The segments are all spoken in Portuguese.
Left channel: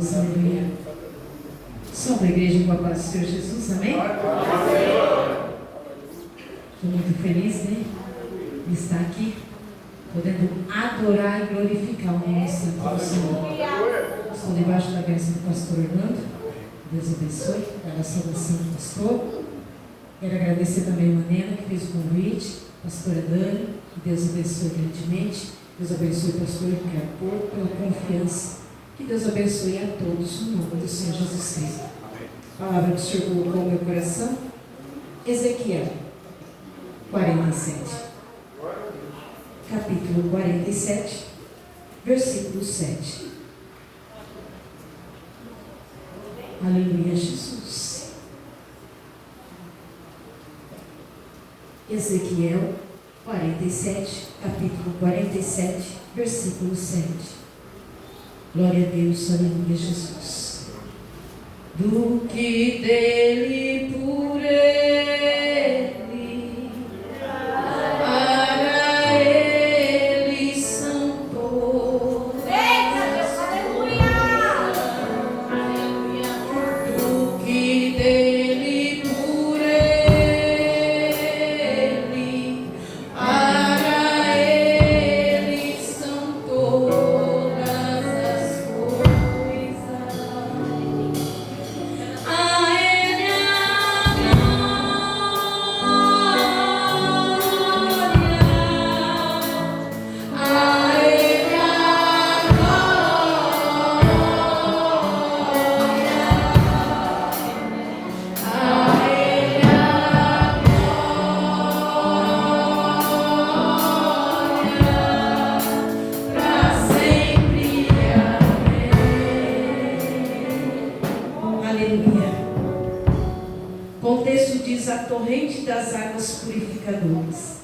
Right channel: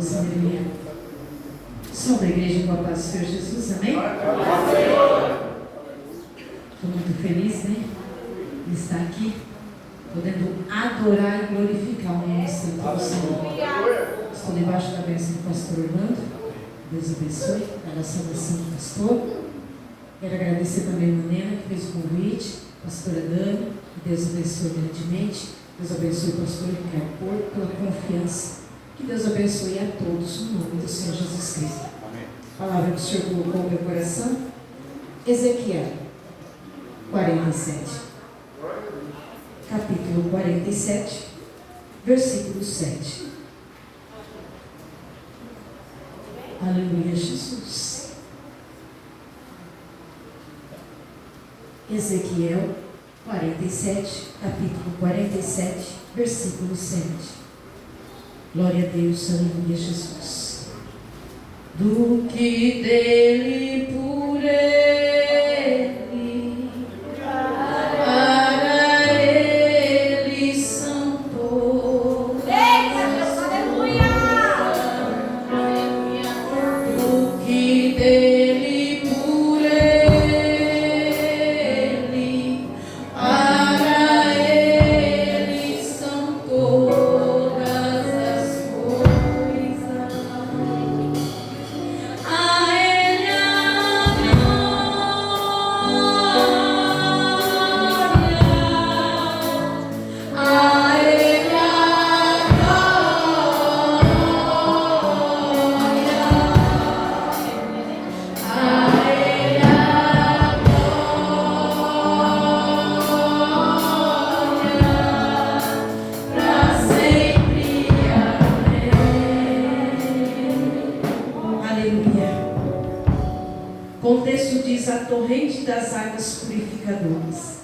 Aleluia. Som da igreja com a paz do Senhor Jesus, amém? Estou muito feliz, né? De estar aqui, podendo adorar e glorificar o nome santo do Senhor. Estou debaixo da bênção do pastor Orlando. Deus abençoe, da saudação do pastor. Quero agradecer também a irmã Nena, que fez o convite, a pastora Dani, que Deus abençoe grandemente. Deus abençoe o pastor Ricardo pela confiança. Que Deus abençoe a todos, no nome do Senhor Jesus Cristo. A palavra que o Senhor colocou no meu coração, Ezequiel 47. Capítulo 47, versículo 7. Aleluia, Jesus. Ezequiel 47, capítulo 47, versículo 7. Glória a Deus, aleluia, Jesus. Do que dele, por ele, para ele são todas as coisas. Do que dele, por ele, para ele são todas as coisas. A ele a glória, a ele a Aleluia. O texto diz: a torrente das águas purificadoras.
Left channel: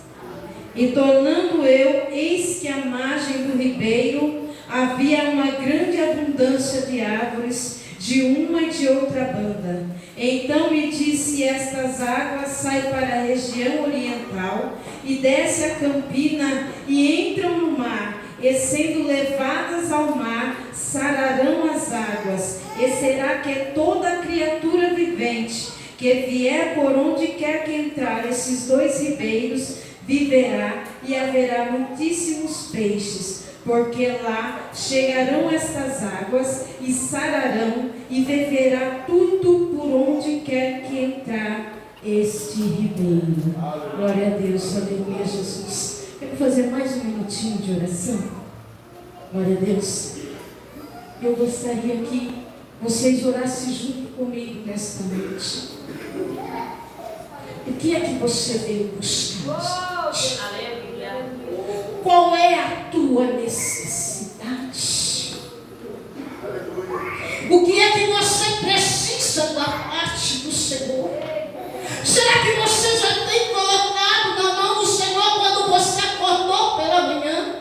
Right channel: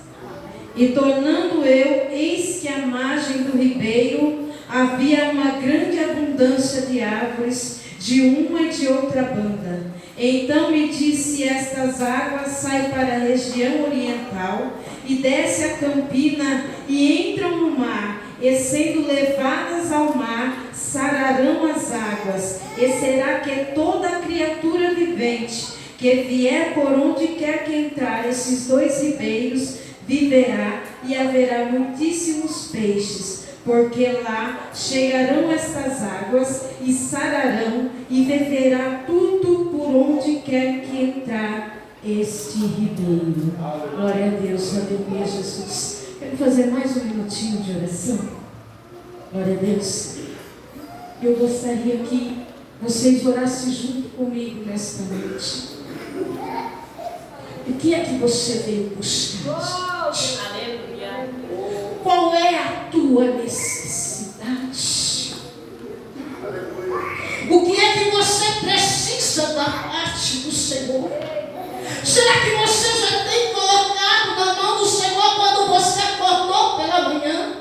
E tornando eu, eis que à margem do ribeiro havia uma grande abundância de árvores, de uma e de outra banda. Então me disse: estas águas saem para a região oriental e desce a campina e entram no mar, e sendo levadas ao mar, sararão as águas, e será que toda criatura vivente que vier por onde quer que entrar esses dois ribeiros viverá, e haverá muitíssimos peixes, porque lá chegarão estas águas e sararão, e viverá tudo por onde quer que entrar este ribeiro. Glória a Deus, aleluia, Jesus. Quero fazer mais um minutinho de oração. Glória a Deus. Eu gostaria que vocês orassem junto comigo nesta noite. O que é que você veio buscar? Qual é a tua necessidade? O que é que você precisa da parte do Senhor? Será que você já tem colocado na mão do Senhor quando você acordou pela manhã?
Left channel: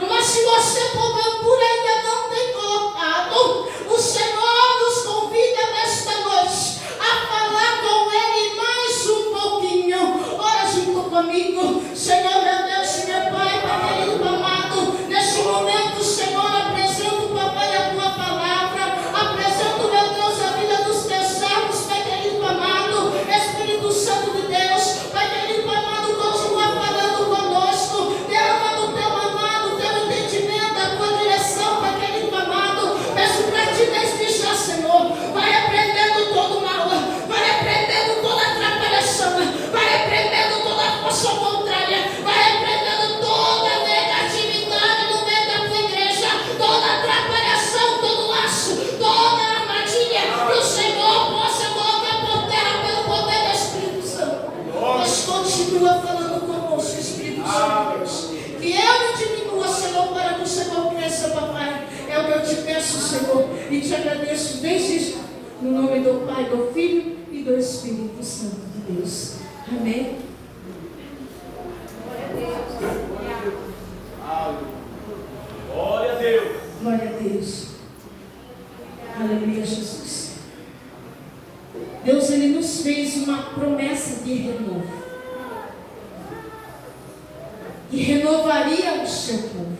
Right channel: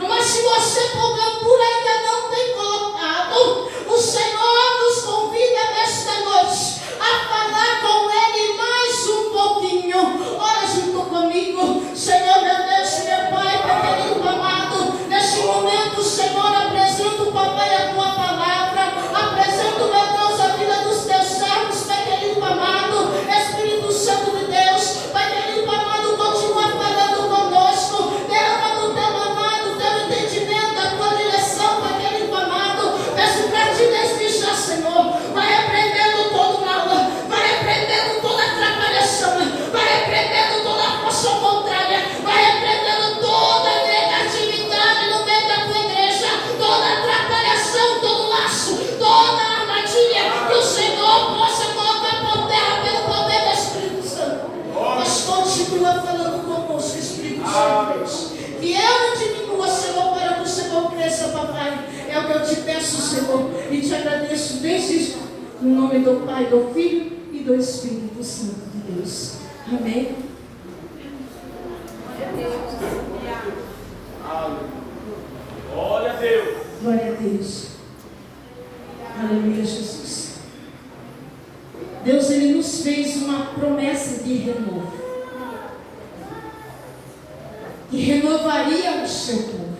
Mas se você porventura ainda não tem colocado, o Senhor nos convida nesta noite a falar com Ele mais um pouquinho. Ora junto comigo. Senhor, meu Deus, meu Pai, Pai querido, amado, nesse momento, Senhor, apresento, Papai, a Tua palavra, apresento, meu Deus, a vida dos Teus servos, Pai querido, amado, Espírito Santo de Deus, Pai querido, amado, continua falando conosco, derramando o Teu amado, o Teu entendimento, a Tua direção, Pai querido, amado, peço para Ti desde já, Senhor, vai repreendendo todo mal, vai repreendendo toda atrapalhação, vai repreendendo toda força contrária, vai repreendendo toda negatividade no meio da Tua igreja, toda atrapalhação, todo laço, toda armadilha, que o Senhor possa colocar por terra pelo poder do Espírito Santo. Mas continua falando conosco, Espírito Santo de Deus. Que eu não diminua, Senhor, para que o Senhor cresça, Papai. É o que eu te peço, Senhor, e te agradeço desde já, no nome do Pai, do Filho e do Espírito Santo de Deus. Amém. Glória a Deus. Glória a Deus. Aleluia, Jesus. Deus, Ele nos fez uma promessa de renovo. E renovaria o seu povo.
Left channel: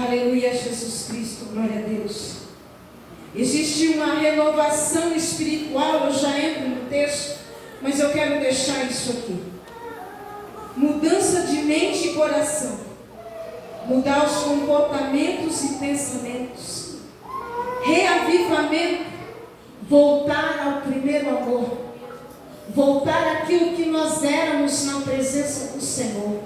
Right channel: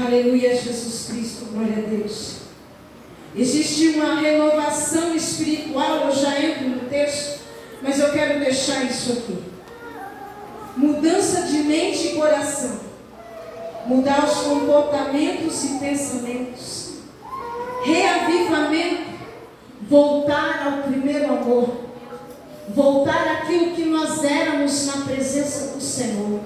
Aleluia, Jesus Cristo, glória a Deus. Existe uma renovação espiritual, eu já entro no texto, mas eu quero deixar isso aqui. Mudança de mente e coração. Mudar os comportamentos e pensamentos. Reavivamento. Voltar ao primeiro amor. Voltar àquilo que nós éramos na presença do Senhor.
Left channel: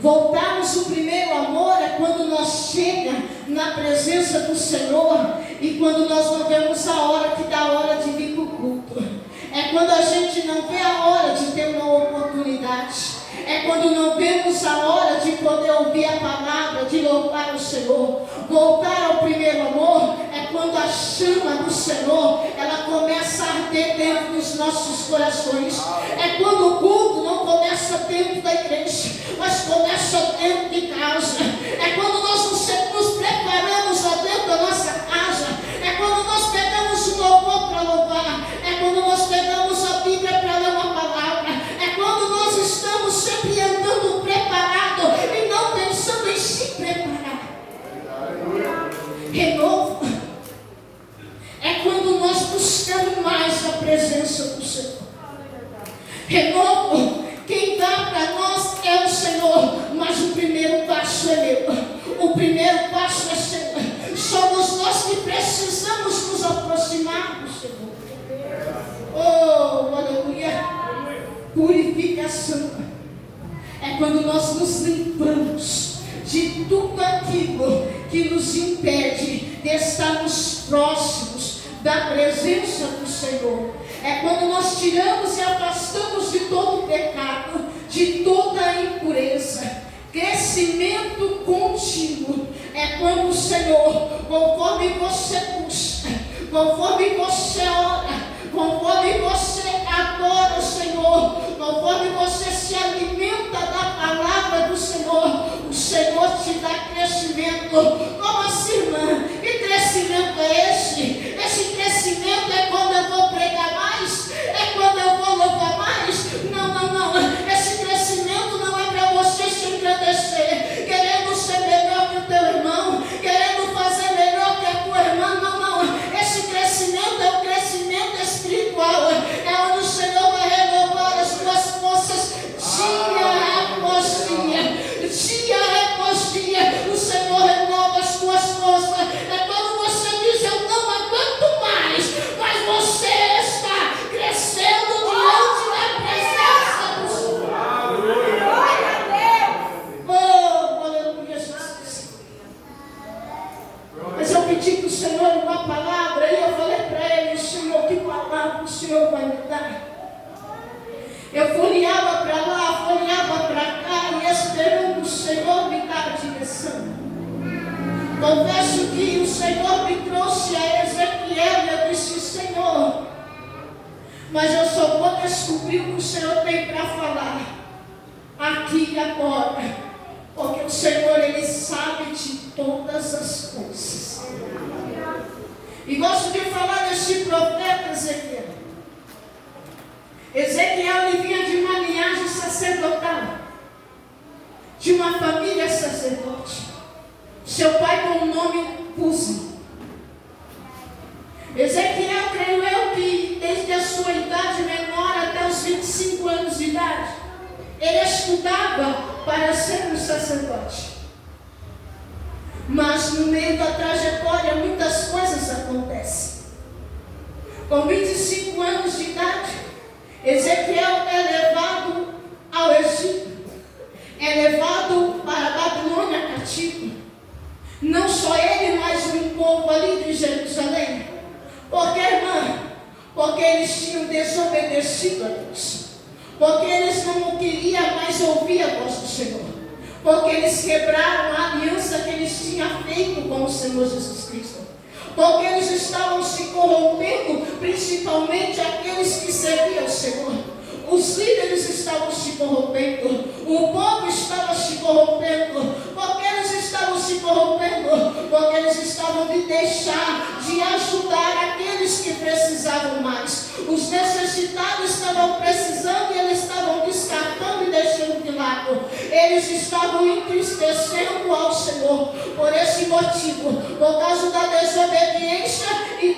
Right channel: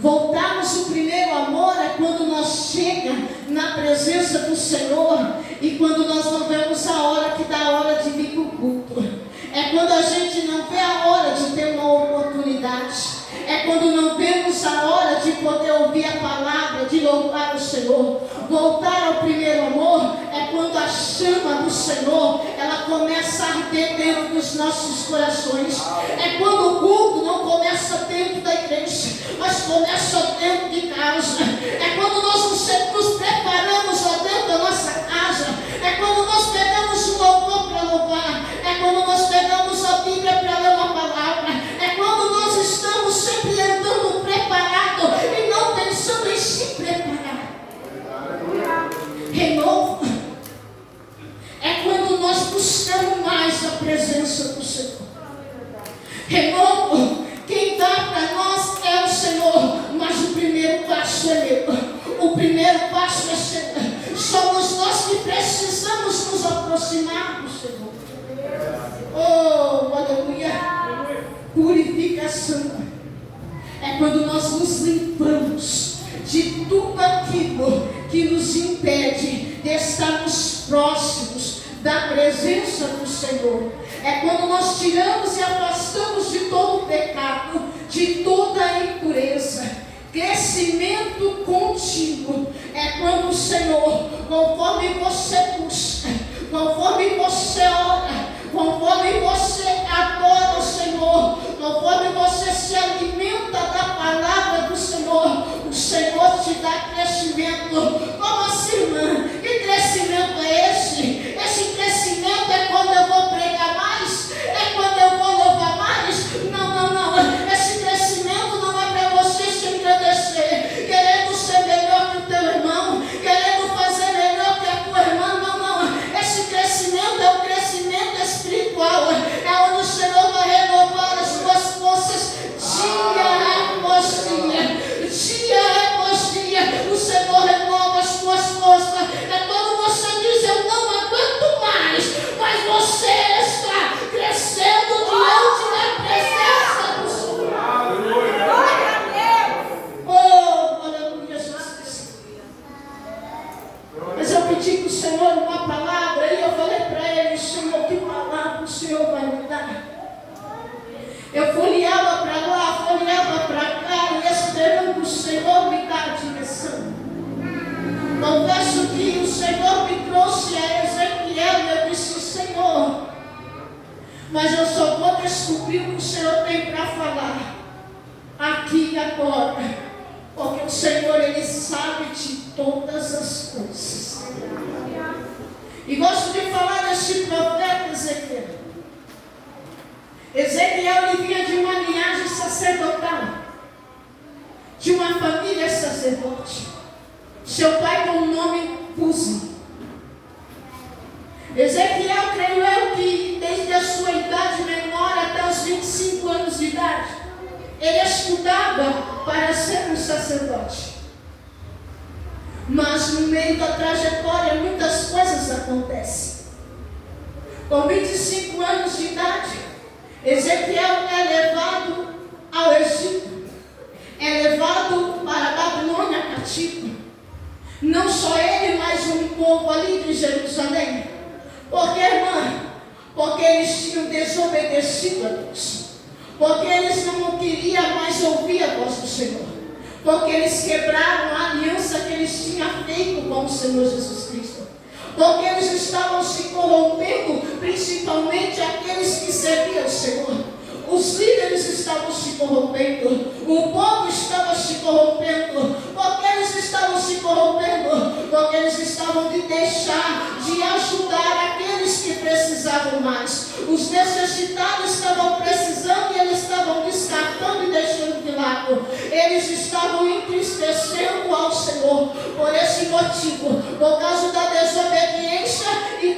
Voltarmos o primeiro amor é quando nós chegamos na presença do Senhor e quando nós não vemos a hora que dá a hora de vir para o culto. É quando a gente não vê a hora de ter uma oportunidade. É quando não vemos a hora de poder ouvir a palavra, de louvar o Senhor. Voltar ao primeiro amor é quando a chama do Senhor, ela começa a arder dentro dos nossos corações. É quando o culto não começa dentro da igreja, mas começa dentro de casa. É quando nós nos preparamos lá dentro da nossa casa. É quando nós pegamos um louvor para louvar. É quando nós pegamos a Bíblia para ler uma palavra. É quando nós estamos sempre andando preparado e não pensando em se preparar. Renovo é quando nós buscamos mais a presença do Senhor. Renovo, quem dá para nós é o Senhor, mas o primeiro passo é meu. O primeiro passo é Senhor. Somos nós que precisamos nos aproximar do Senhor. Oh, aleluia. Purificação é quando nós nos limpamos de tudo aquilo que nos impede de estarmos próximos da presença do Senhor. É quando nós tiramos e afastamos de todo o pecado, de toda a impureza. Crescimento contínuo é quando o Senhor, conforme você busca, conforme você ora, conforme você adora o Senhor, conforme você se alimenta da palavra do Senhor, o Senhor te dá crescimento. Como assim, irmã? Que crescimento é esse? Esse crescimento é quando eu vou pregar mais? É quando eu vou louvar mais? Não. Esse crescimento não é para você se engrandecer, querendo ser melhor que o teu irmão, querendo fazer melhor que a tua irmã. Não. Esse crescimento é o crescimento espiritual. É onde o Senhor vai renovar as tuas forças dia após dia após dia. O Senhor renova as tuas forças. É quando você diz: eu não aguento mais, mas você está crescendo diante da presença do Senhor. Oh, aleluia, Jesus. Mas eu pedi para o Senhor uma palavra e eu falei para ele: Senhor, que palavra o Senhor vai me dar? Eu folheava para lá, folheava para cá, e esperando o Senhor me dar a direção. Confesso que o Senhor me trouxe a Ezequiel e eu disse: Senhor, mas eu só vou descobrir o que o Senhor tem para falar aqui e agora, porque o Senhor, Ele sabe de todas as coisas. E gosto de falar desse profeta Ezequiel. Ezequiel, ele vinha de uma linhagem sacerdotal, de uma família sacerdote. Seu pai com o nome Uzi. Ezequiel, creio eu, que desde a sua idade menor até os 25 anos de idade, ele estudava para ser um sacerdote. Mas no meio da trajetória muitas coisas acontecem. Com 25 anos de idade, Ezequiel é levado ao Egito, é levado para a Babilônia cativo. Não só ele, mas um povo ali de Jerusalém. Por que, irmã? Porque eles tinham desobedecido a Deus. Porque eles não queriam mais ouvir a voz do Senhor. Porque eles quebraram a aliança que eles tinham feito com o Senhor Jesus Cristo. Porque eles estavam se corrompendo, principalmente aqueles que serviam ao Senhor. Os líderes estavam se corrompendo, o povo estava se corrompendo. Porque eles estavam se corrompendo? Porque eles estavam de deixar de ajudar aqueles que precisavam mais. Os necessitados estavam precisando e eles estavam descartando e deixando de lado. Eles estavam entristecendo ao Senhor. Por esse motivo, por causa da desobediência e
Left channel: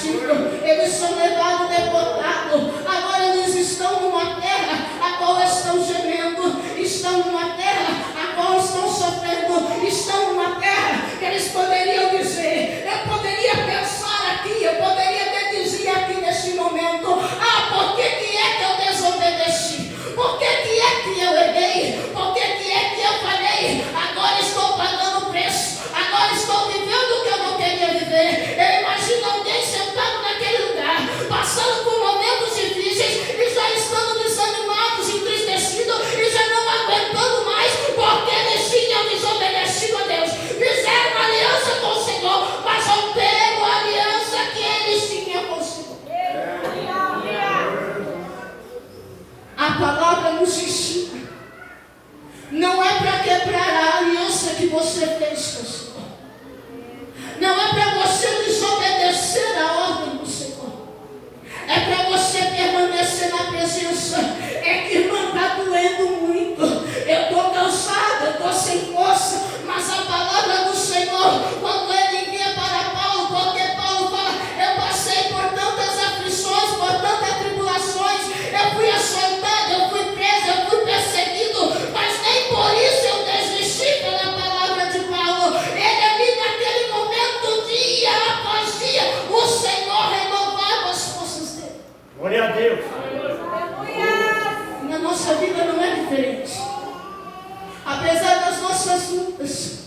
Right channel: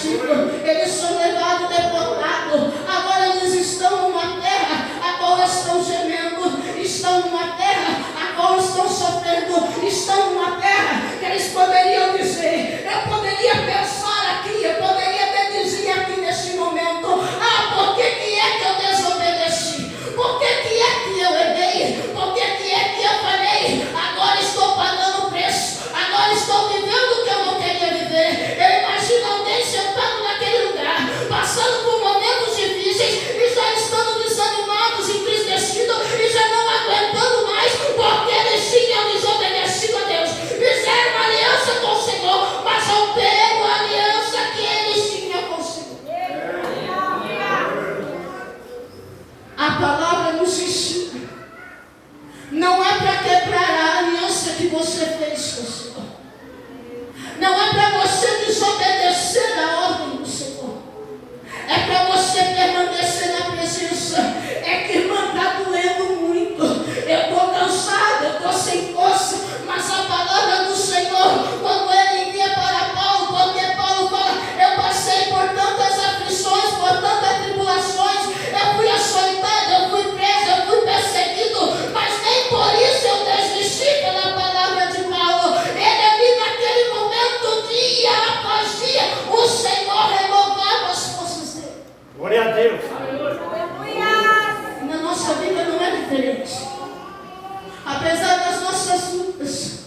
cativo, eles são levados deportados. Agora eles estão numa terra a qual estão gemendo, estão numa terra a qual estão sofrendo, estão numa terra que eles poderiam dizer, eu poderia pensar aqui, eu poderia dizer aqui neste momento, por que é que eu desobedeci? Por que é que eu errei? Por que é que eu falei? Agora estou pagando o preço, agora estou vivendo o que eu não queria viver. Eu imagino alguém sentado naquele lugar, passando por momentos difíceis e já estando desanimados, entristecidos e já não aguentando mais, porque eles tinham desobedecido a Deus. Fizeram uma aliança com o Senhor, mas romperam a aliança que eles tinham com o Senhor. A palavra nos ensina. Não é para quebrar a aliança que você fez com o Senhor. Não é para você desobedecer a ordem do Senhor. É para você permanecer na presença. É que, irmã, está doendo muito. Eu estou cansado, eu estou sem força. Mas a palavra do Senhor, quando ele envia para Paulo, porque Paulo fala, eu passei por tantas aflições, por tantas tribulações, eu fui açoitado, eu fui preso, eu fui perseguido, mas nem por isso eu desisti pela palavra de Paulo. Ele ali naquele momento, dia após dia, o Senhor renovava as forças dele. Glória a Deus. Na nossa vida não é diferente. Apesar das nossas lutas,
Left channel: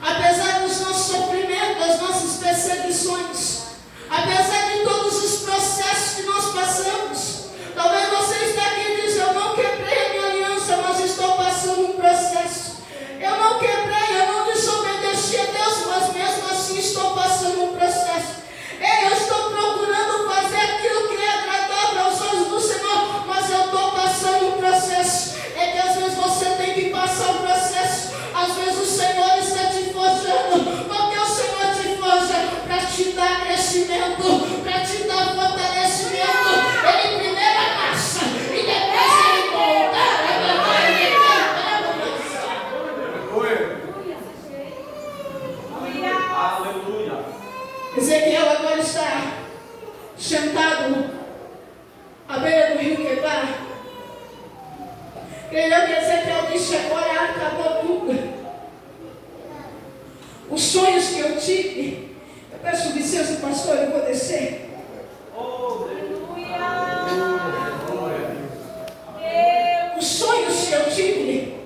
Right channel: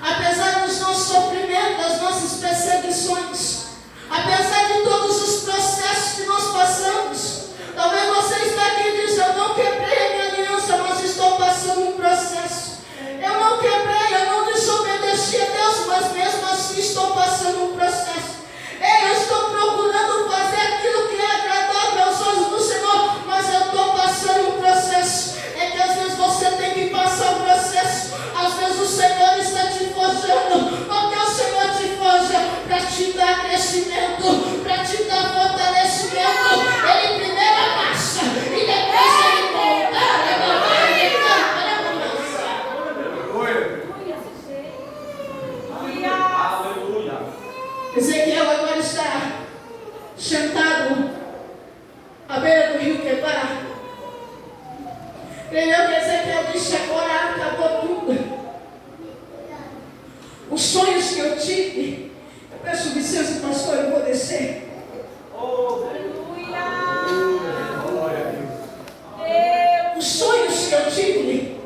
apesar dos nossos sofrimentos, das nossas perseguições, apesar de todos os processos que nós passamos, talvez você está aqui e diz, eu não quebrei a minha aliança, mas estou passando um processo. Eu não quebrei, eu não desobedeci a Deus, mas mesmo assim estou passando um processo. Eu estou procurando fazer aquilo que é agradável aos olhos do Senhor, mas eu estou passando um processo. É que às vezes você tem que passar um processo. Às vezes o Senhor está te forjando, porque o Senhor te forja para te dar crescimento, para te dar fortalecimento. Ele primeiro amassa e depois ele molda. Aleluia. Ezequiel agora está sentado à beira do rio Quebar. Creio que Ezequiel disse, agora acabou tudo. Os sonhos que eu tive, eu peço licença, pastor, eu vou descer. Os sonhos que eu tive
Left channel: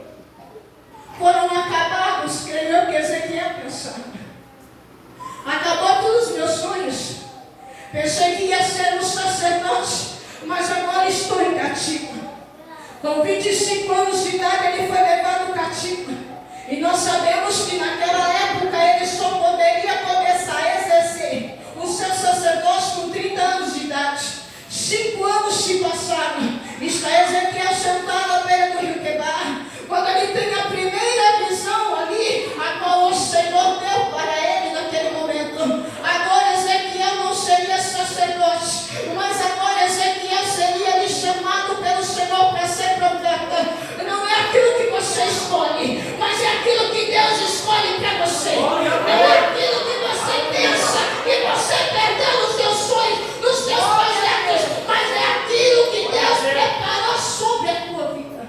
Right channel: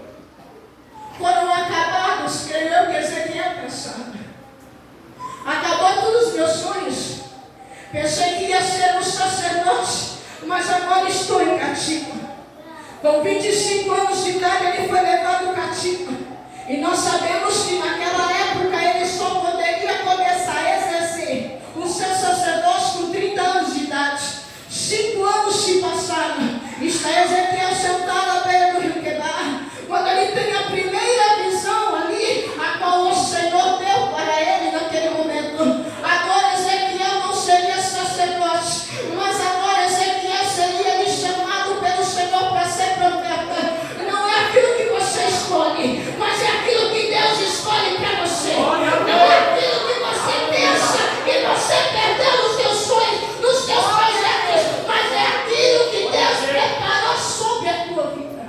foram acabados, creio que Ezequiel pensava. Acabou todos os meus sonhos. Pensei que ia ser um sacerdote, mas agora estou em cativo. Com 25 anos de idade ele foi levado cativo. E nós sabemos que naquela época ele só poderia começar a exercer o seu sacerdócio com 30 anos de idade. 5 anos se passaram. Está Ezequiel sentado à beira do rio Quebar. Quando ele tem a primeira visão ali, a qual o Senhor deu para ele naquele momento. Agora Ezequiel não seria sacerdote, mas agora Ezequiel seria lhe chamado pelo Senhor para ser profeta. Não é aquilo que você escolhe, mas é aquilo que Deus escolhe para você. Não é aquilo que você pensa que você perdeu nos seus sonhos, nos seus projetos, mas é aquilo que Deus preparou sobre a tua vida.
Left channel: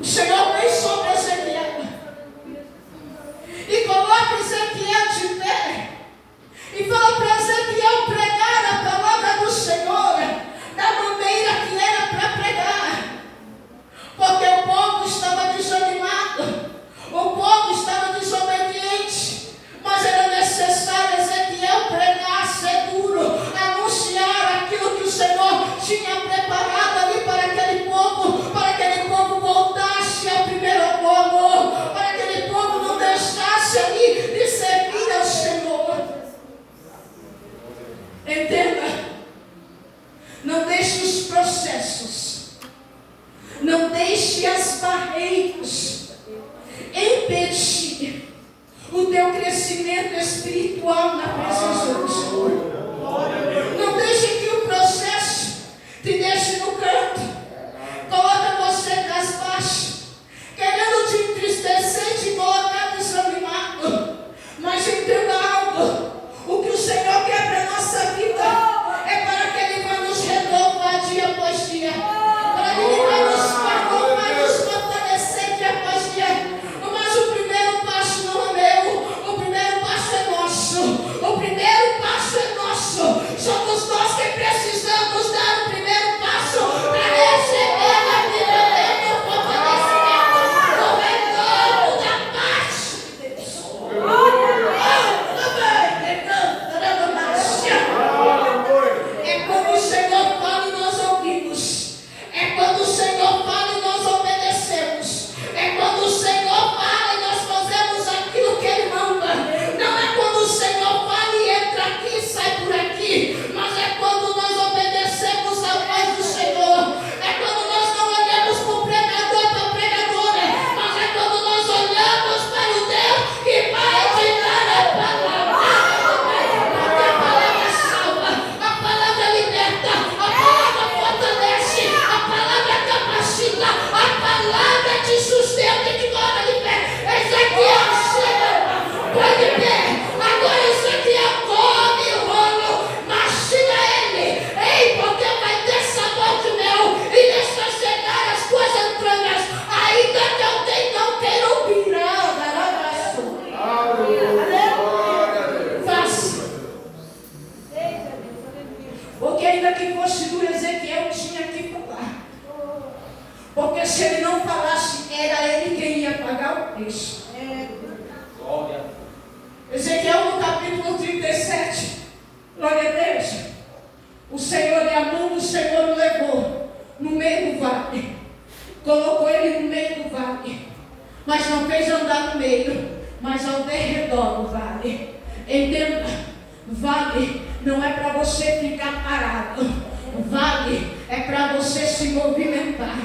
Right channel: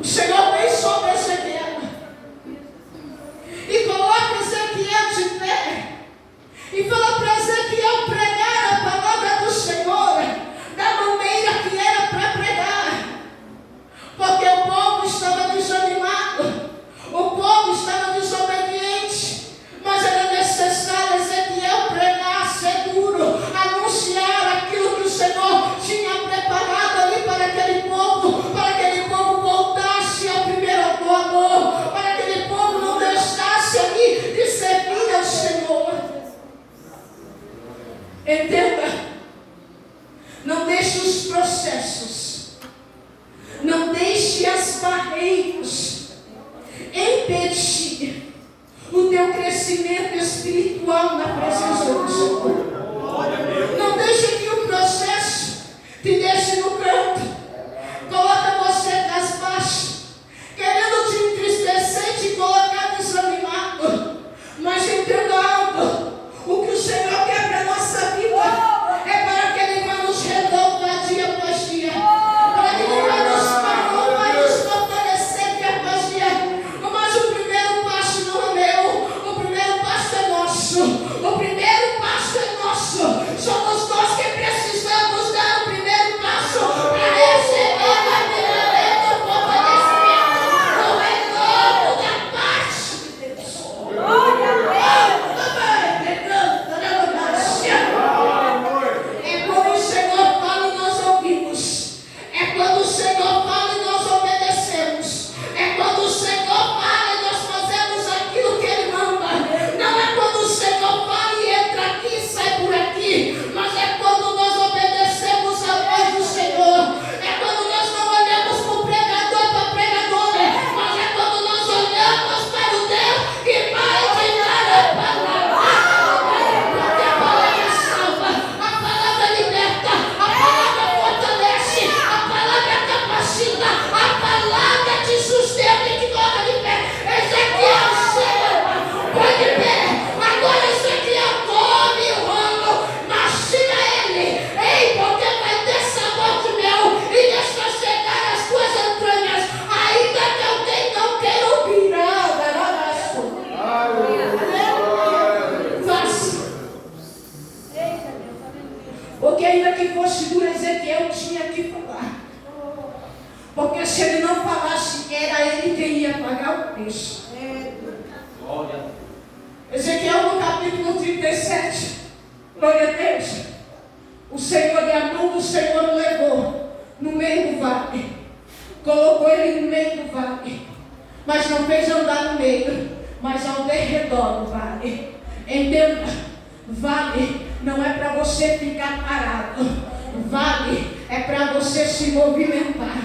O Senhor vem sobre Ezequiel e coloca Ezequiel de pé e fala para Ezequiel pregar a palavra do Senhor da maneira que era para pregar, porque o povo estava desanimado, o povo estava desobediente, mas era necessário Ezequiel pregar seguro, anunciar aquilo que o Senhor tinha preparado ali para aquele povo voltasse ao primeiro amor, para aquele povo não deixasse ali de servir ao Senhor. Entenda, não deixe os processos, não deixe as barreiras impedir o teu crescimento espiritual na presença do Senhor. Não deixe que o processo te deixe no canto, coloca você casbaixo, querendo te entristecer e te colocar desanimado. Mas entenda algo, vez. Glória a Deus. Ezequiel no capítulo 37, glória a Deus, o Senhor, e a mão do Senhor o levou no meio do vale, colocou ele no meio do vale, mas não fez andar no meio, mas ao derredor do vale. Entenda, vale não é para você ficar parado, vale é para você se movimentar.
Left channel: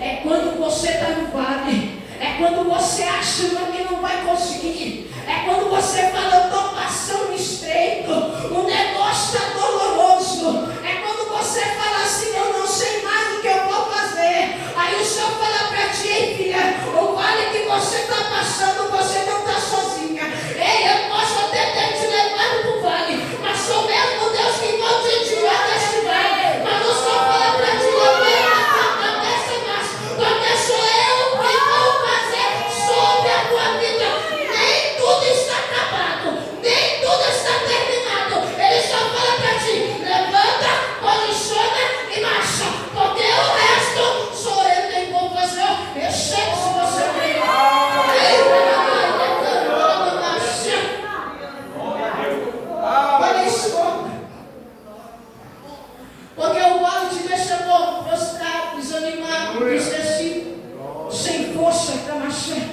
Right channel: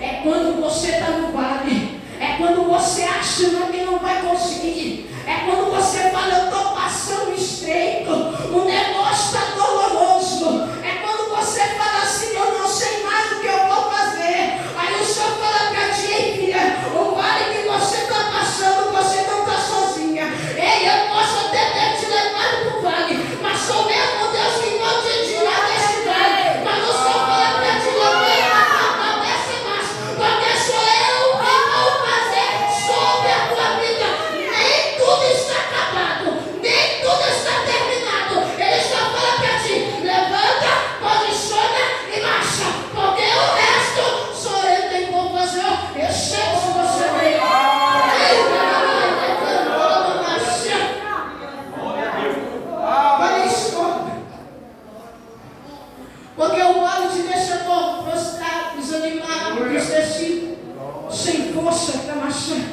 É quando você está no vale, é quando você acha que não vai conseguir, é quando você fala, eu estou passando estreito, o negócio está doloroso, é quando você fala assim, eu não sei mais o que eu vou fazer. Aí o Senhor fala para ti, ei filha, o vale que você está passando, você não está sozinha. Ei, eu posso até ter te levado para o vale, mas sou mesmo Deus que vou te tirar deste vale. Mas o Senhor fala para ti, não desce mais, porque sou eu que vou fazer sobre a tua vida. Nem tudo está acabado, nem tudo está terminado. Ele só fala para ti, levanta, posiciona e marcha, porque o resto sou eu quem vou fazer. Eu chego se você vem. Olha isso, porque o vale te deixa todo prostrado, desanimado, entristecido, sem força para marchar.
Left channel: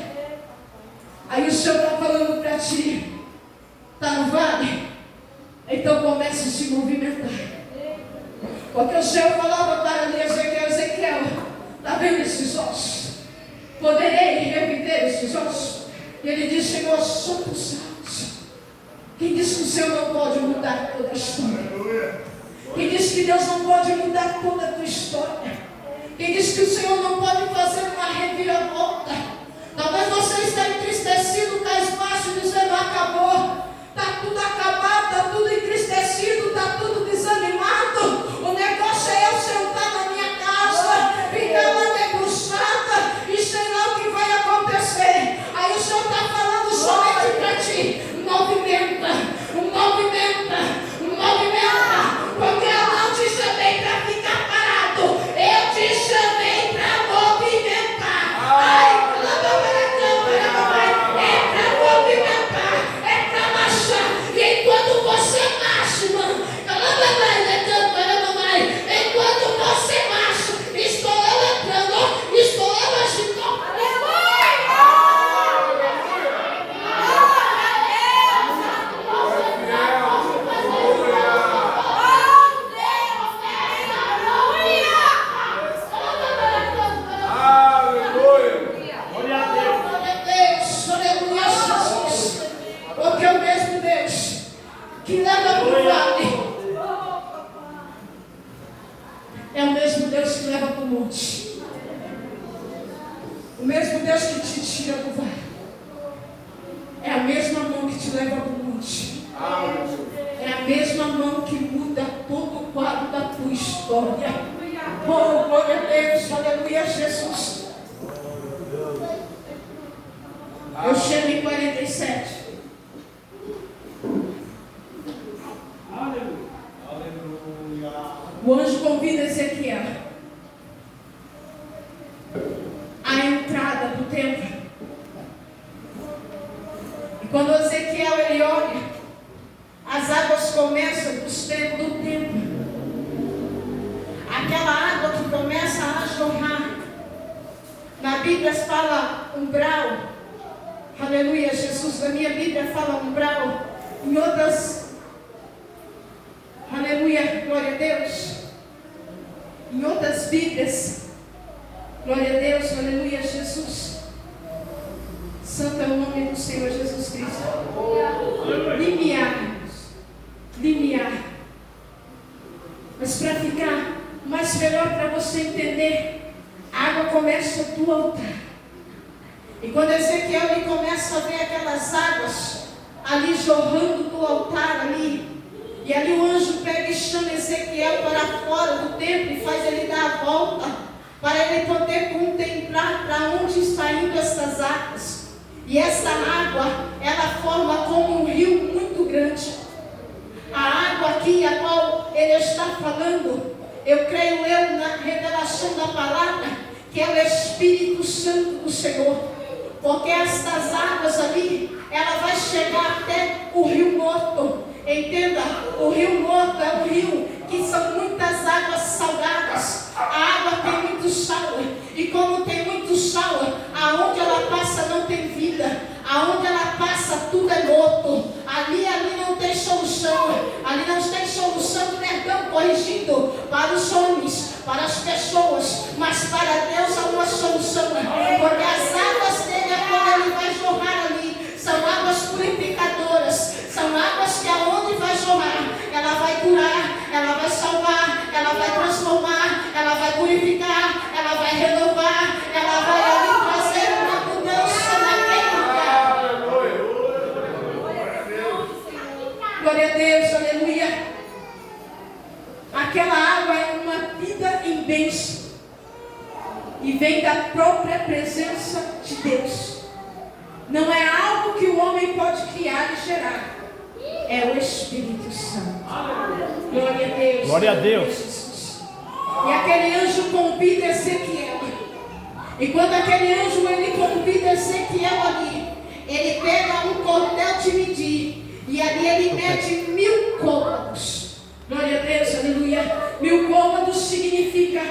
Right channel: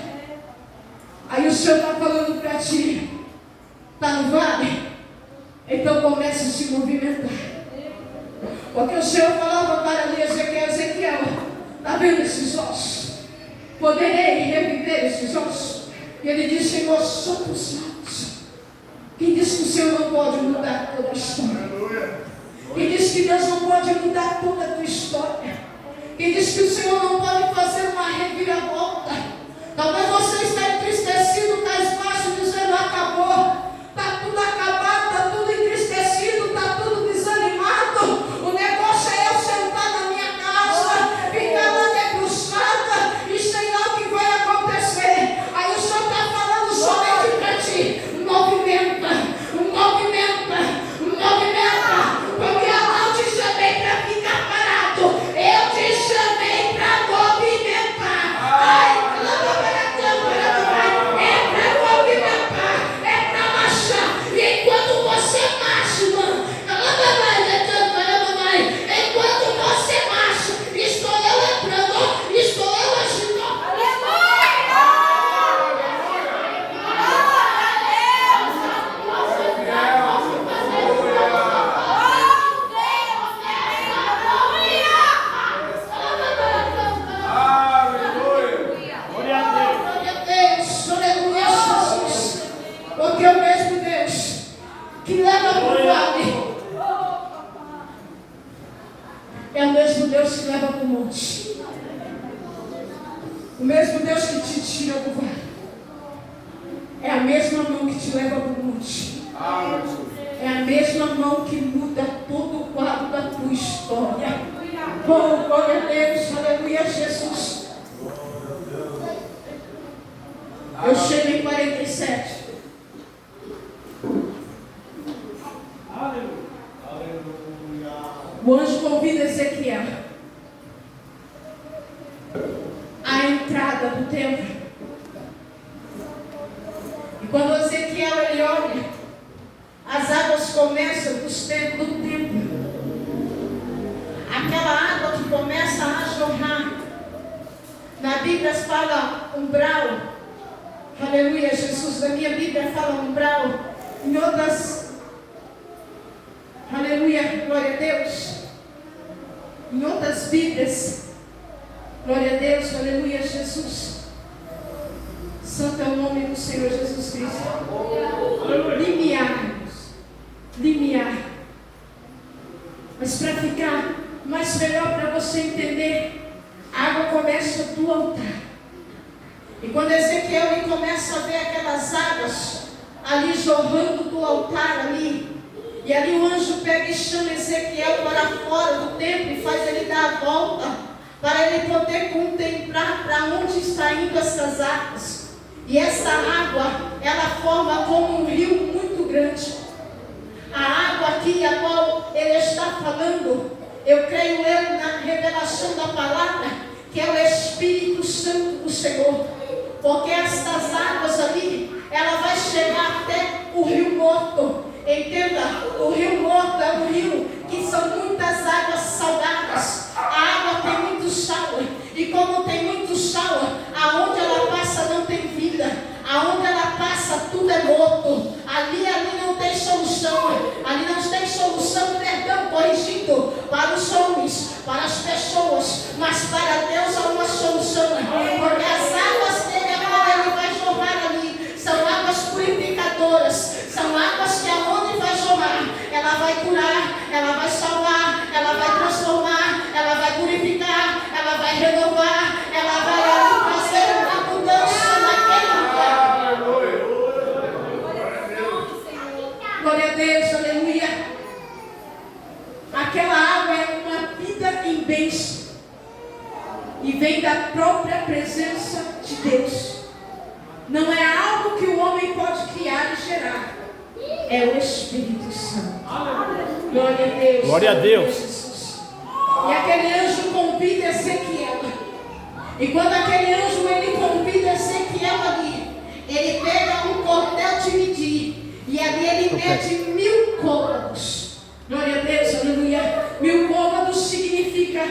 Aí o Senhor está falando para ti, está no vale? Então comece a se movimentar. Porque o Senhor falava para Ezequiel, está vendo esses ossos? Poderei reviver esses ossos? E ele disse, Senhor, somos salvos. Quem disse que o Senhor não pode mudar toda a história? Quem disse que Deus não pode mudar toda a tua história? Quem disse que o Senhor não pode fazer uma reviravolta? Talvez você está entristecido, cabisbaixo, dizendo, acabou. Está tudo acabado, está tudo entristecido, está tudo desanimado. O negócio é eu sentar na minha casa, ficar lá debruçada e sei lá o que vai acontecer. Aí o Senhor está falando somente para ti, movimenta, porque eu não te chamei para ficar parado, eu te chamei para movimentar. Ai, é para movimentar, é para marchar. E enquanto você marcha, irmão, enquanto você marcha, estou eu entrando, estou eu agindo. Porque é o mesmo Deus que leva para o vale é o mesmo Deus que leva para o monte. O mesmo Deus que te tira do vale é a mesma mão que te leva para o monte. É a mesma mão que muda todo o quadro da tua história. Oh, glória a Deus, aleluia, Jesus. Eu chego em 47. O anjo convida Ezequiel à entrada do templo. E quando Ezequiel ele olha, as águas começam do templo. Aquela água que começa a jorrar. Na Bíblia fala umbral. Aleluia, Jesus. Na minha Bíblia fala umbral. Em outras, aleluia, glória a Deus. Em outras Bíblias, glória a Deus, aleluia, Jesus. Santo é o nome do Senhor Jesus Cristo. Limiar. Mas para ficar mais melhor para você entender, a água começa do altar. E quando Ezequiel ele começa a ver aquelas águas ali jorrando do altar ali, e ali o anjo pega e chama Ezequiel para fora do templo e faz ele dar a volta, para ele poder contemplar para onde está indo essas águas. E essa água, ela forma como um rio muito grande. A água aqui, a qual ele está falando, eu creio na revelação da palavra, que é o Espírito Santo do Senhor. Porque estas águas ali, ela vai chegar até o Rio Morto. Entenda, o Rio Morto é um rio que são muitas águas salgadas. A água tem muito sal. E como tem muito sal, aonde ela passa não tem vida. Aonde ela passa tudo é morto. Ali não tem solução. Ali não tem solução, perdão, corrigindo para os homens, para as pessoas. Mas para Deus há uma solução. Porque as águas dele, quando ele vai jorrar ali, são águas purificadoras. São águas que aonde vai jorrar, ela vai curar, ela vai salvar, ela vai transformar, ela vai purificar, ela vai renovar, ela vai ali trazer uma mudança naquele lugar. Glória a Deus, aleluia. Aquela água é uma vida em bênção e vem da própria presença de Deus. Não é algo que o homem pode criar e gerar. É o Espírito Santo. Glória a Deus. Glória a Deus. E aquele anjo convida Ezequiel. E quando aquele anjo ele convida Ezequiel ali, ele pega um cordel de medir. E ali ele mede 1000 côvados. Glória a Deus, aleluia. 1000 côvados significa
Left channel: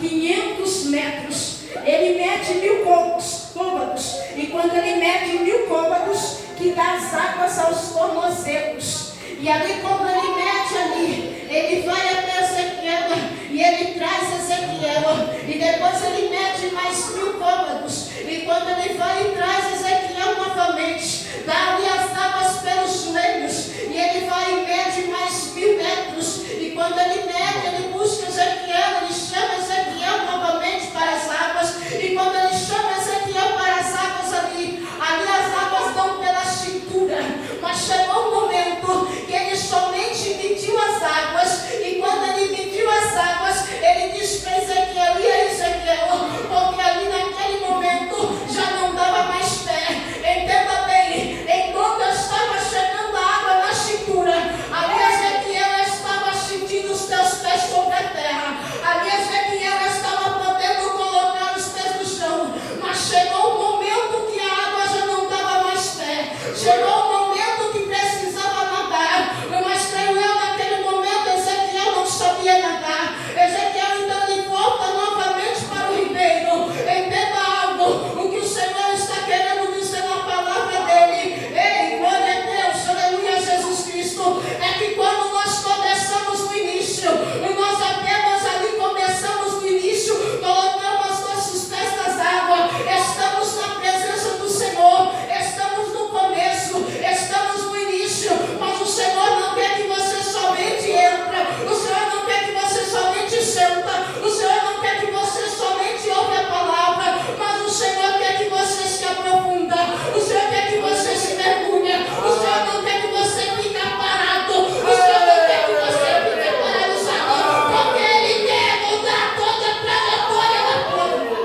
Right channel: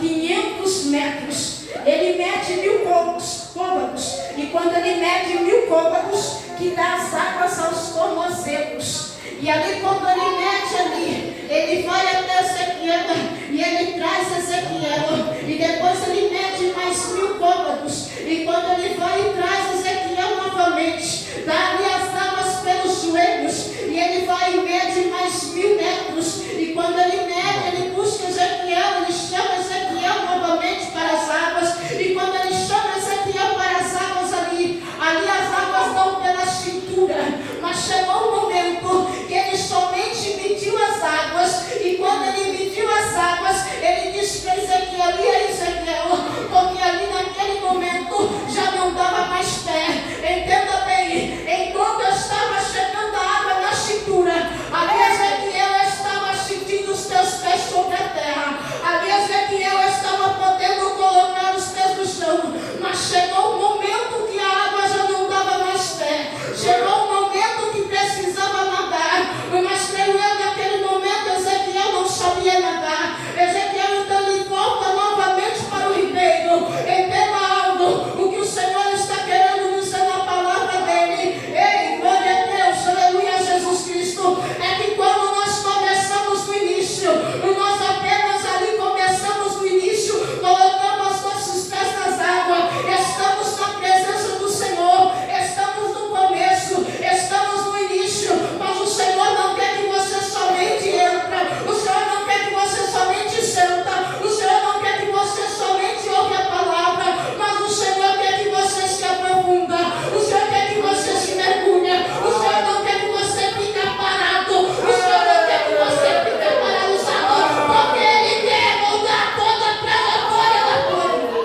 500 metros. Ele mede 1000 côvados. E quando ele mede 1000 côvados, que dá as águas aos tornozelos. E ali, quando ele mede ali, ele vai até Ezequiel e ele traz Ezequiel. E depois ele mede mais 1000 côvados. E quando ele vai e traz Ezequiel novamente, dá ali as águas pelos joelhos. E ele vai e mede mais 1000 metros. E quando ele mede, ele busca Ezequiel, ele chama Ezequiel novamente para as águas. E quando ele chama Ezequiel para as águas ali as águas dão pela cintura. Mas chegou um momento que ele somente mediu as águas. E quando ele mediu as águas, ele disse para Ezequiel: e aí, Ezequiel? Porque ali naquele momento já não dava mais pé. Entenda bem, enquanto estava chegando a água na cintura, ali Ezequiel estava sentindo os teus pés sobre a terra. Ali Ezequiel estava podendo colocar os pés no chão. Mas chegou um momento que a água já não dava mais pé. Chegou um momento que precisava nadar. Mas creio eu, naquele momento Ezequiel não sabia nadar. Ezequiel então ele volta novamente para o ribeiro. Entenda algo, o que o Senhor está querendo dizer na palavra dele. Ei, glória a Deus, aleluia, Jesus Cristo. É que quando nós começamos no início, nós apenas ali começamos no início, colocamos nossos pés nas águas, estamos na presença do Senhor, estamos no começo, estamos no início, mas o Senhor não quer que você somente entra, o Senhor não quer que você somente senta, o Senhor não quer que você somente ouve a palavra, mas o Senhor quer que você se aprofunda, o Senhor quer que você se mergulhe, o Senhor não quer que você fique parado, o Senhor não quer que você fique paralisado, porque Ele quer mudar toda a trajetória da tua vida.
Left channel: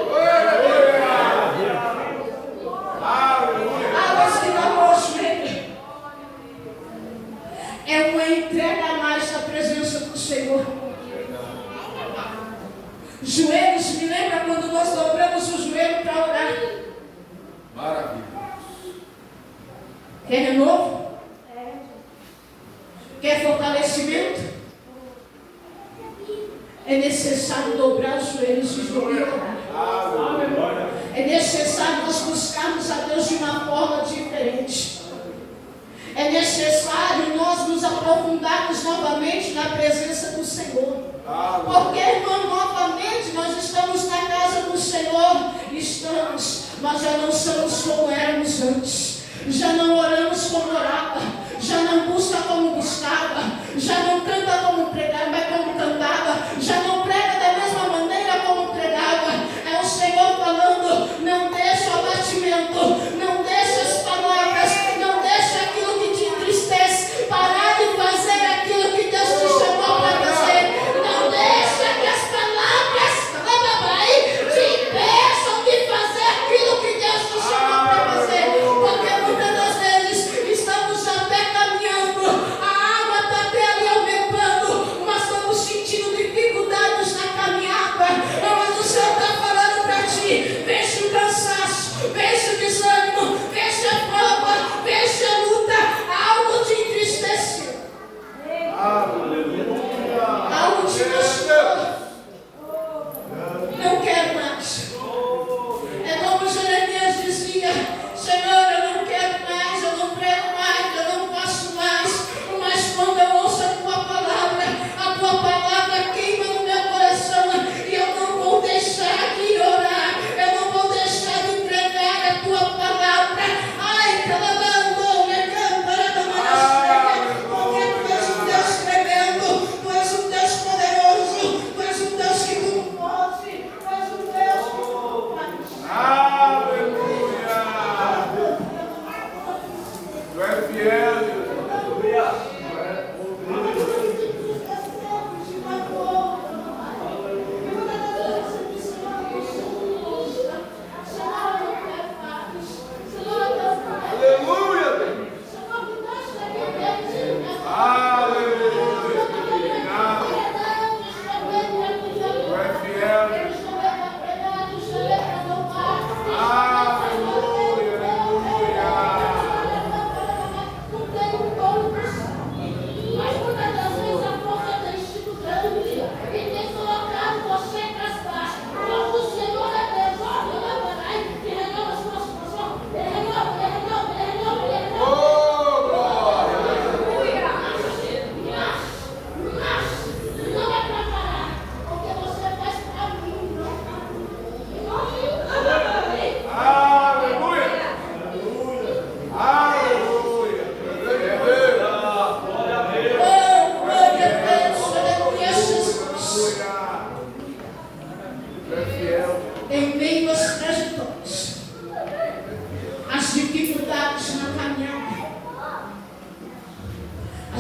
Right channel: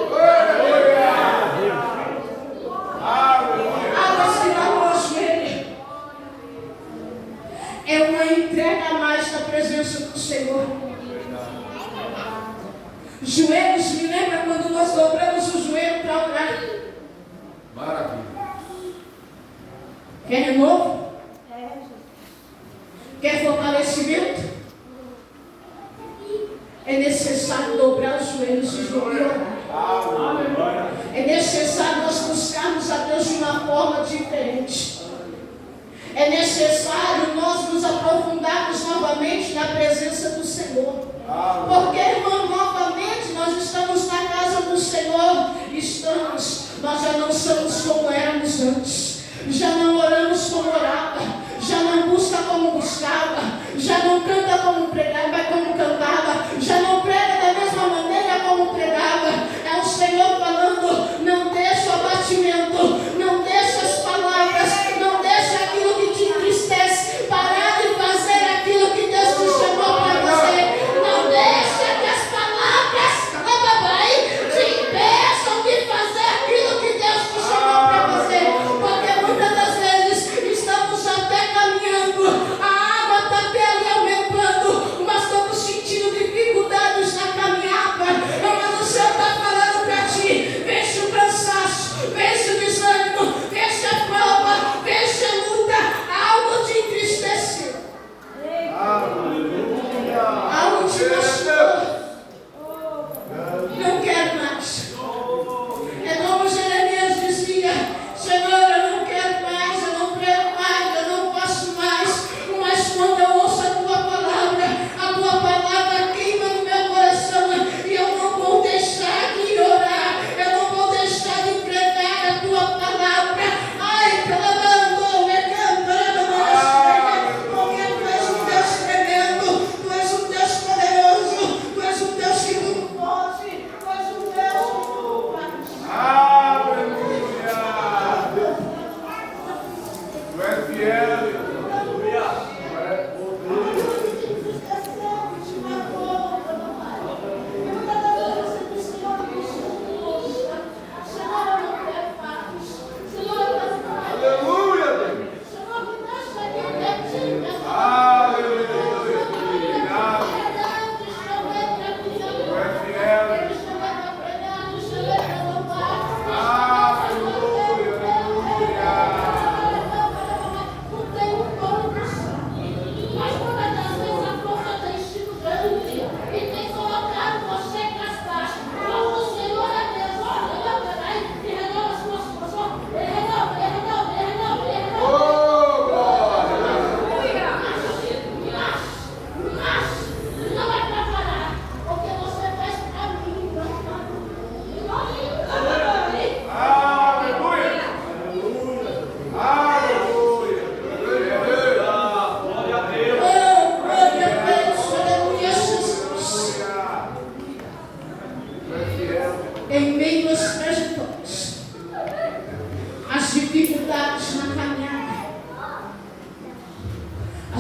Águas que dão ao joelho é uma entrega a mais da presença do Senhor. Joelhos, me lembra quando nós dobramos o joelho para orar? Maravilha. Quer renovo? Quer fortalecimento? É necessário dobrar os joelhos e orar. É necessário nós buscarmos a Deus de uma forma diferente. É necessário nós nos aprofundarmos novamente na presença do Senhor. Porque, irmão, novamente nós estamos na casa do Senhor. Nós já não somos como éramos antes. Já não oramos como orava. Já não busca como buscava. Já não canta como pregava, como cantava. Já não prega da mesma maneira como pregava. É o Senhor falando: não deixa o abatimento, não deixa as palavras, não deixa aquilo que te entristece parar de fazer aquilo que Deus te chamou para fazer. Não deixa que as palavras te impeçam de fazer aquilo que Deus te chamou para fazer. Porque muitas das vezes estamos até caminhando, a água está até ali aumentando,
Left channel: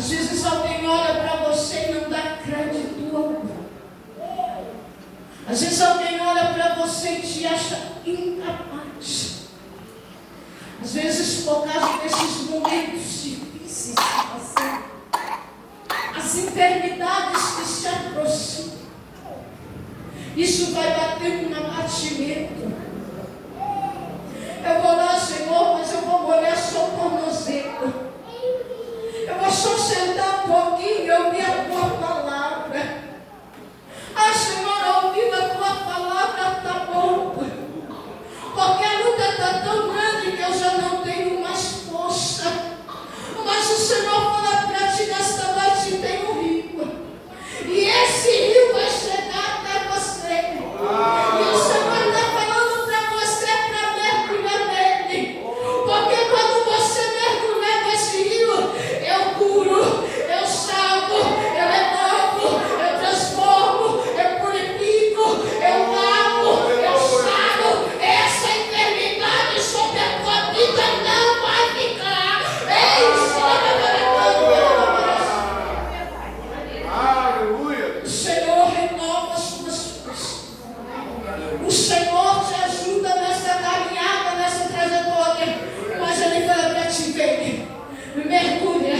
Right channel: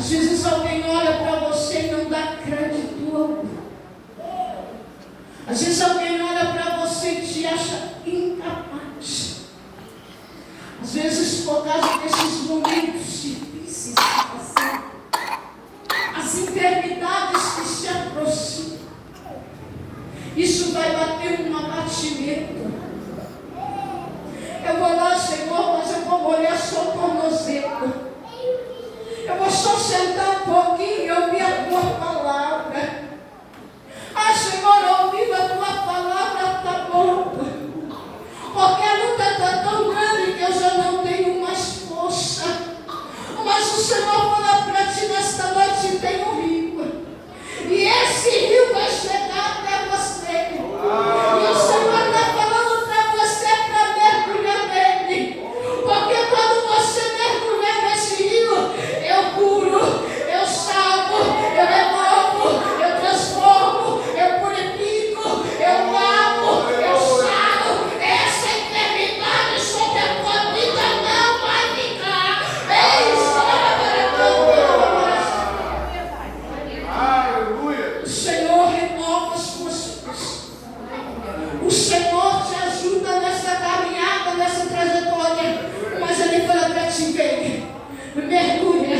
Às vezes alguém olha para você e não dá crédito algum. Às vezes alguém olha para você e te acha incapaz. Às vezes, por causa desses momentos difíceis que passamos, as enfermidades que se aproximam, isso vai bater um abatimento. Eu vou lá, Senhor, mas eu vou molhar só o tornozelo. Eu vou só sentar um pouquinho e ouvir a tua palavra. Ah, Senhor, ouvindo a tua palavra está bom. Porque a luta está tão grande que eu já não tenho mais força. Mas o Senhor fala para ti nesta noite: tem um rio. E esse rio vai chegar até você. E o Senhor está falando para você para mergulhar nele. Porque quando você mergulhar nesse rio, eu curo, eu salvo, eu levanto, eu transformo, eu purifico, eu lavo, eu saro. Essa enfermidade sobre a tua vida não vai ficar. Aleluia. O Senhor renova as tuas forças. O Senhor te ajuda nessa caminhada, nessa trajetória. Mas Ele fala para ti: venha, mergulha,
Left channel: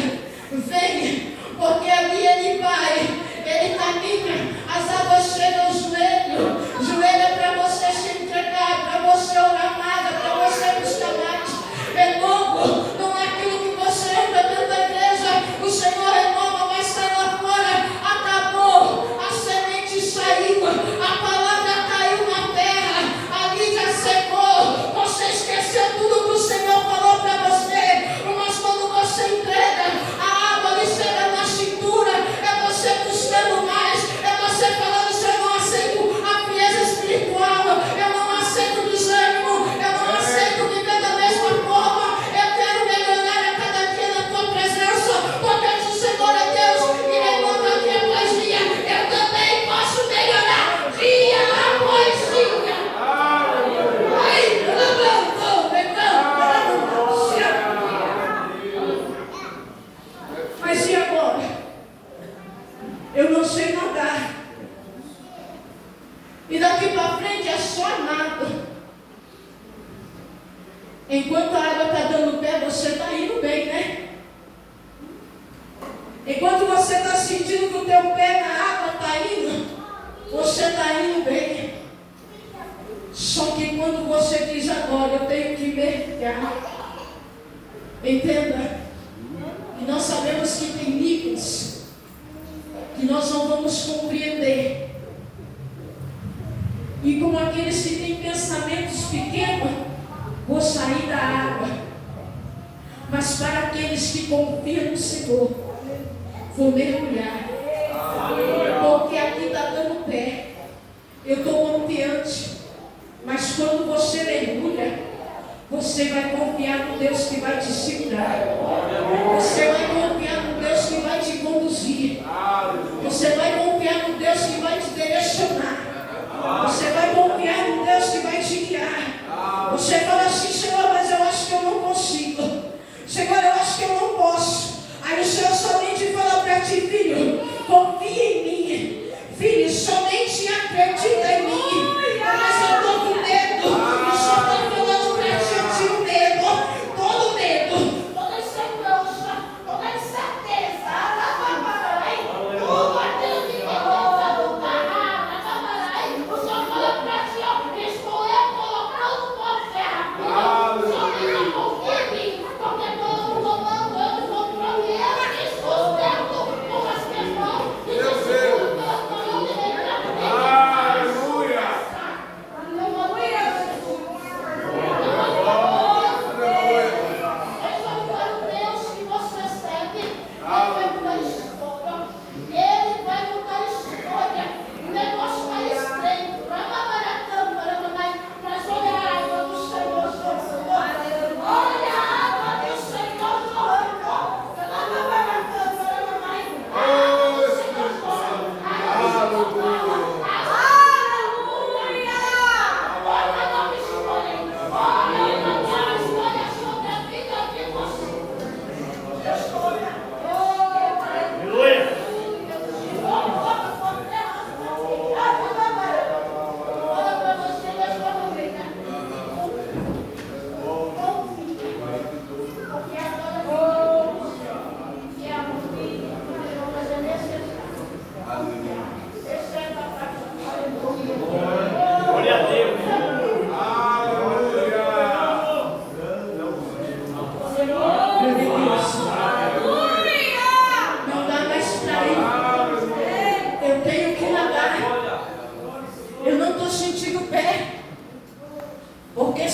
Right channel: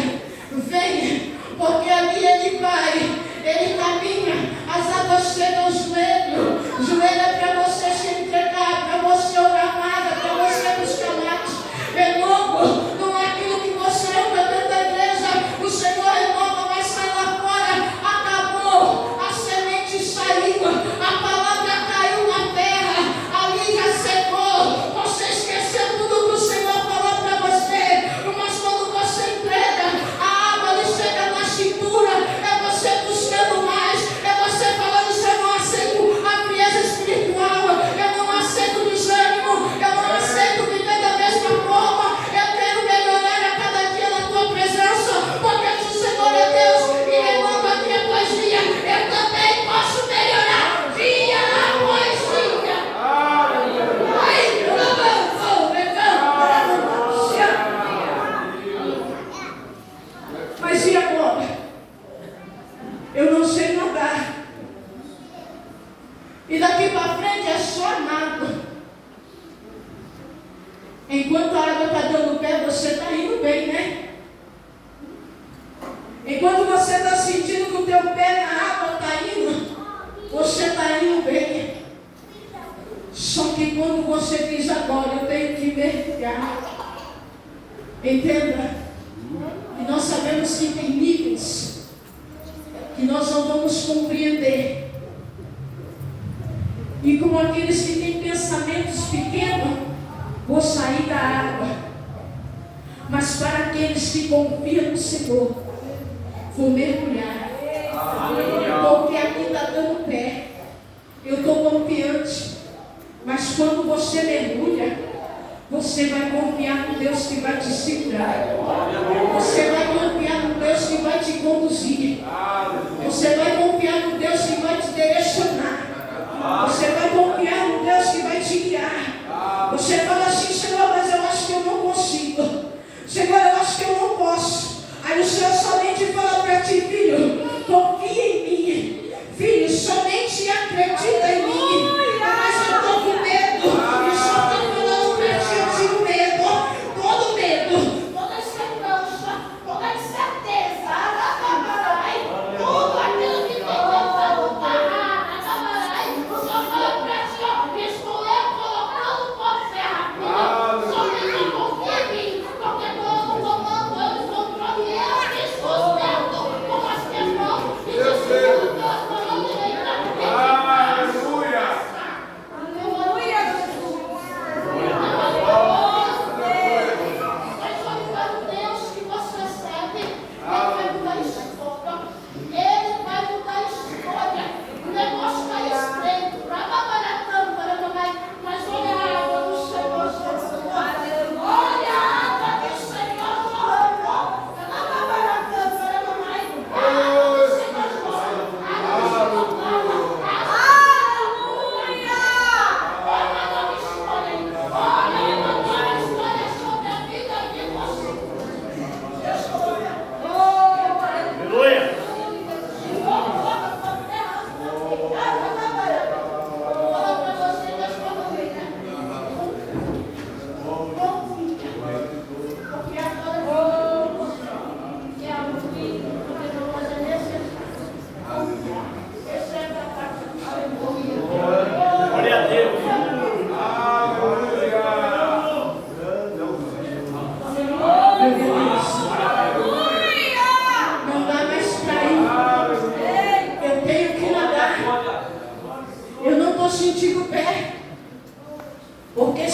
venha, porque ali Ele vai, Ele caminha, as águas chegam ao joelho. O joelho é para você se entregar, para você orar mais, para você buscar mais. Renovo, não é aquilo que você anda dentro da igreja. O Senhor renova, vai sair lá fora. Acabou, a semente saiu, a palavra caiu na terra, ali já secou. Você esqueceu tudo que o Senhor falou para você. Mas quando você entrega, a água lhe chega na cintura. É você buscando mais, é você falando: Senhor, eu não aceito a frieza espiritual, eu não aceito desânimo, eu não aceito viver da mesma forma. Eu quero melhorar a cada dia na tua presença, porque o Senhor é Deus e renova dia após dia. Eu também posso melhorar dia após dia. Ai, mas e agora? Eu não sei nadar. E daqui para frente é só nada. Enquanto a água está dando pé, você está indo bem, né? Enquanto você está sentindo que o teu pé na água está indo, você está indo bem. Só que quando você diz: agora eu tenho que mergulhar, entenda, e nós sabemos que tem níveis que nós não vamos compreender. E como aqueles que têm pensamentos pequenos, vou sair da água. Mas para aqueles que confiam no Senhor, vou mergulhar. Porque aqui está dando pé. Eu estou confiante. Mas quando você mergulha, você vai confiar no Deus que vai te segurar. Você vai confiar no Deus que vai te conduzir. Você vai confiar no Deus que vai te direcionar. Você vai confiar no Deus que vai te guiar. Você fala assim: Senhor, mas eu acho que eu não consigo. Senhor, eu acho que eu não posso. Aí o Senhor somente fala para ti: filho, confia em mim. Filho, somente acredita em mim. Mas eu estou com medo. E só estou falando para ti: eu tiro medo. Todo medo, toda insegurança, toda incerteza. Tudo aquilo que tem tentado parar. O Senhor fala para ti: estou eu colocando por terra.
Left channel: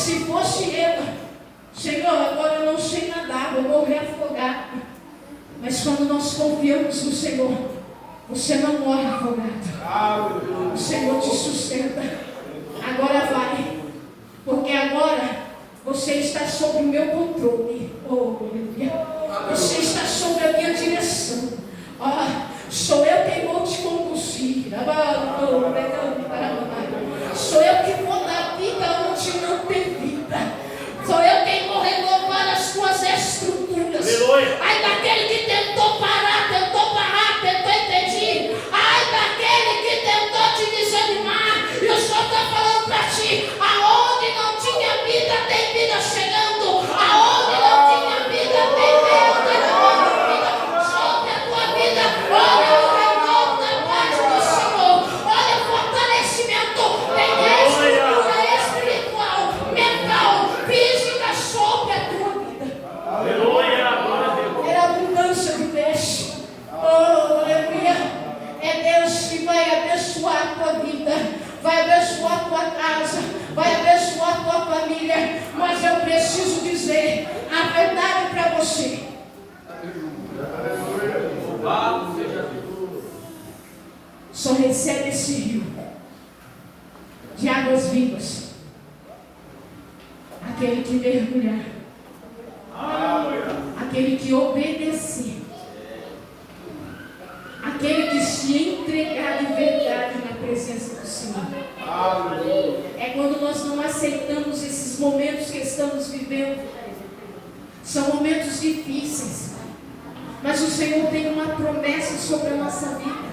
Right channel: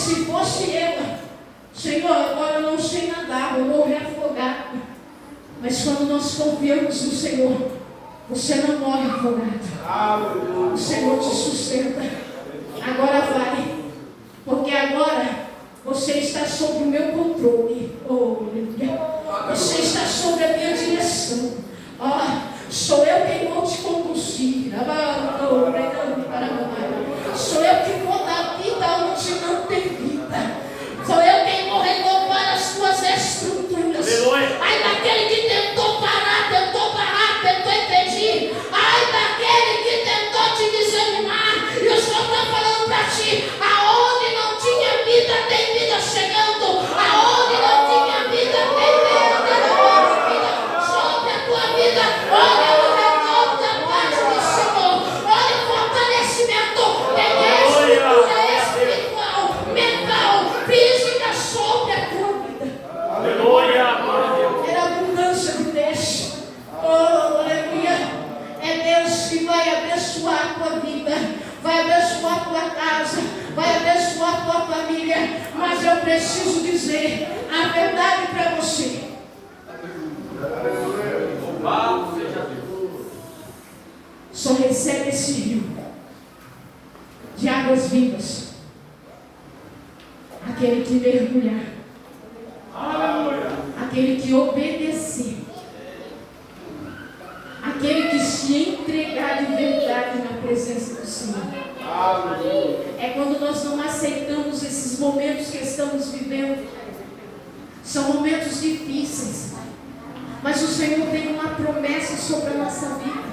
se fosse eu, Senhor, agora eu não sei nadar, vou morrer afogado. Mas quando nós confiamos no Senhor, você não morre afogado. O Senhor te sustenta. Agora vai, porque agora você está sob o meu controle. Oh, aleluia. Você está sob a minha direção. Sou eu quem vou te conduzir. Sou eu que vou dar vida onde não tem vida. Sou eu quem vou renovar as tuas estruturas. Ai daquele que tentou parar, tentou impedir. Ai daquele que tentou te desanimar. E o Senhor está falando para ti: aonde não tinha vida, tem vida chegando. Aonde não tinha vida, tem vida. Sobre a tua vida, olha o renovo da parte do Senhor. Olha o fortalecimento. Tem a estrutura espiritual, mental, física sobre a tua vida. Aleluia. É a abundância de Deus. Oh, aleluia. É Deus que vai abençoar a tua vida, vai abençoar a tua casa, vai abençoar a tua família. Mas eu preciso dizer a verdade para você. Só recebe esse rio de águas vivas aquele que mergulhar, aquele que obedecer, aquele que se entregar de verdade na presença do Senhor. É quando nós não aceitamos esses momentos que estamos vivendo. São momentos difíceis, mas o Senhor tem uma promessa sobre a nossa vida.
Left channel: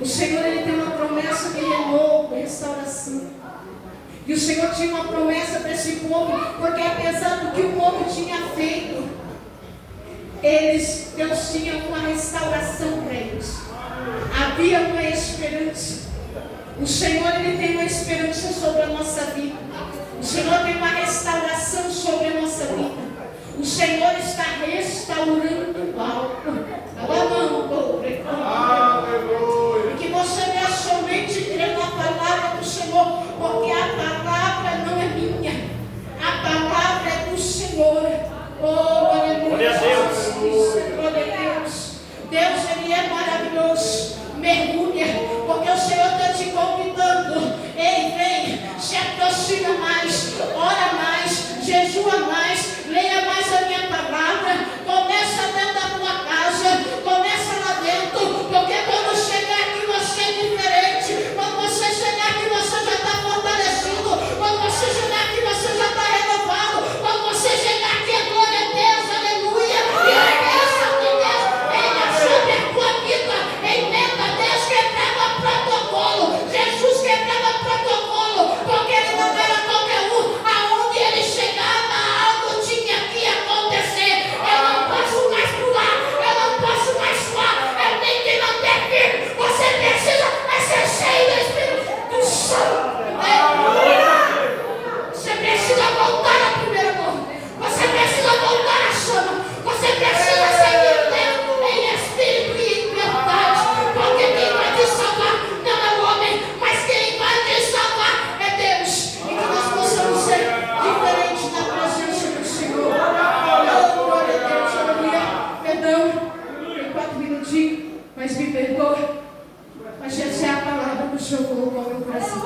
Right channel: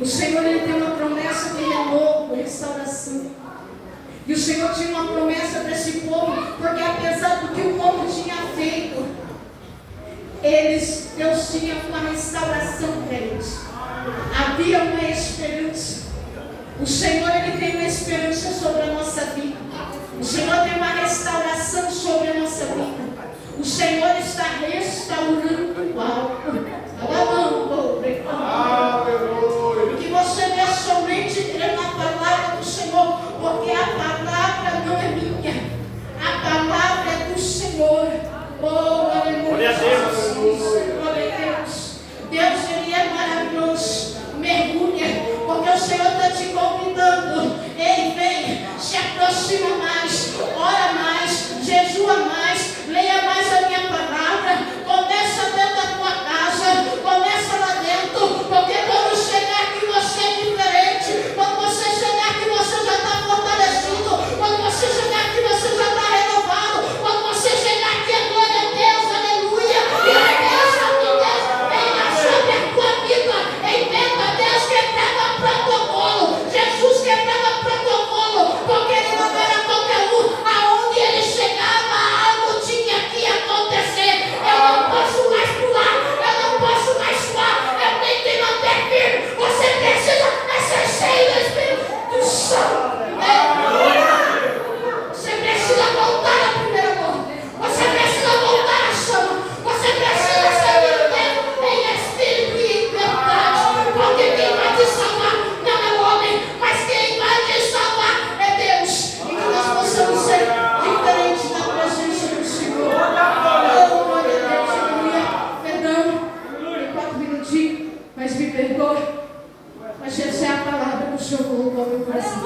O Senhor, Ele tem uma promessa de renovo, restauração. E o Senhor tinha uma promessa para esse povo, porque apesar do que o povo tinha feito, Deus tinha uma restauração para eles. Havia uma esperança. O Senhor, Ele tem uma esperança sobre a nossa vida. O Senhor tem uma restauração sobre a nossa vida. O Senhor está restaurando algo. E que você deve somente crer na palavra do Senhor, porque a palavra não é minha, a palavra é do Senhor. Oh, aleluia. Glória a Deus. Deus, Ele é maravilhoso. Mergulha, porque o Senhor está te convidando. Ei, vem, se aproxima mais, ora mais, jejua mais, leia mais a minha palavra. Começa dentro da tua casa, começa lá dentro, porque quando chegar aqui você é diferente. Quando você chegar aqui você já está fortalecido. Quando você chegar aqui você já está renovado. Quando você chegar aqui é glória a Deus, aleluia. E a bênção de Deus venha sobre a tua vida. Entenda, Deus quebrava protocolo. Jesus quebrava protocolo, porque Ele não era qualquer um. Aonde Ele chegava, algo tinha que acontecer. Eu não posso mais pular, eu não posso mais suar, eu tenho que manter firme. Você precisa ser cheio do Espírito Santo. Você precisa voltar à primeira amor. Você precisa voltar à chama. Você precisa servir Deus em espírito e em verdade. Porque quem vai te salvar não é o homem, mas quem vai te salvar é Deus. E que nós possamos ser diferentes na presença do Senhor. Oh, glória a Deus, aleluia. Perdão, tem 4 minutinhos, mas me perdoe. Mas essa é a palavra do Senhor colocou no meu coração.